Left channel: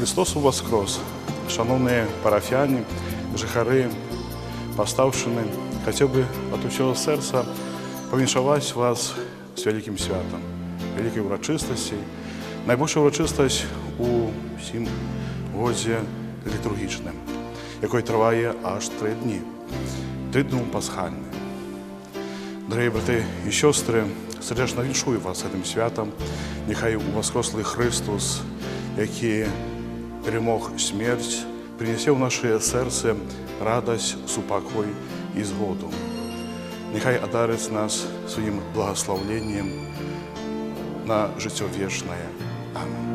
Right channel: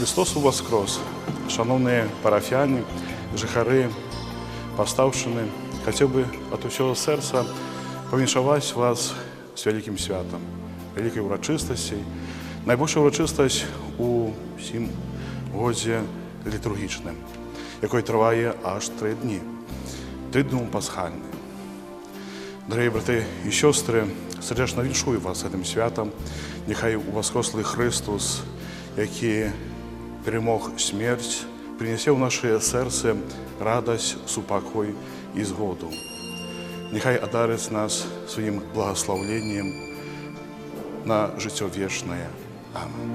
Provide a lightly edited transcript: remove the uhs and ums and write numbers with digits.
Христос воскрес! Шановні парафіяни, жихари, Полтавщини, хотів би від усього серця повіншувати вас з великим святом, великою урочистості. Найбільша урочистость у всім годі літургічним, який триває аж 3 дні. 3 дні пасхальні. Дорогі брати і сестри, сердечно віншую вас цим святом. Нехай у воскреслий Христос, який перемог смерть, принесе в наше серце радость, супокой і згоду. Нехай одарить нас своїм благословенням на життя вічне. Амінь.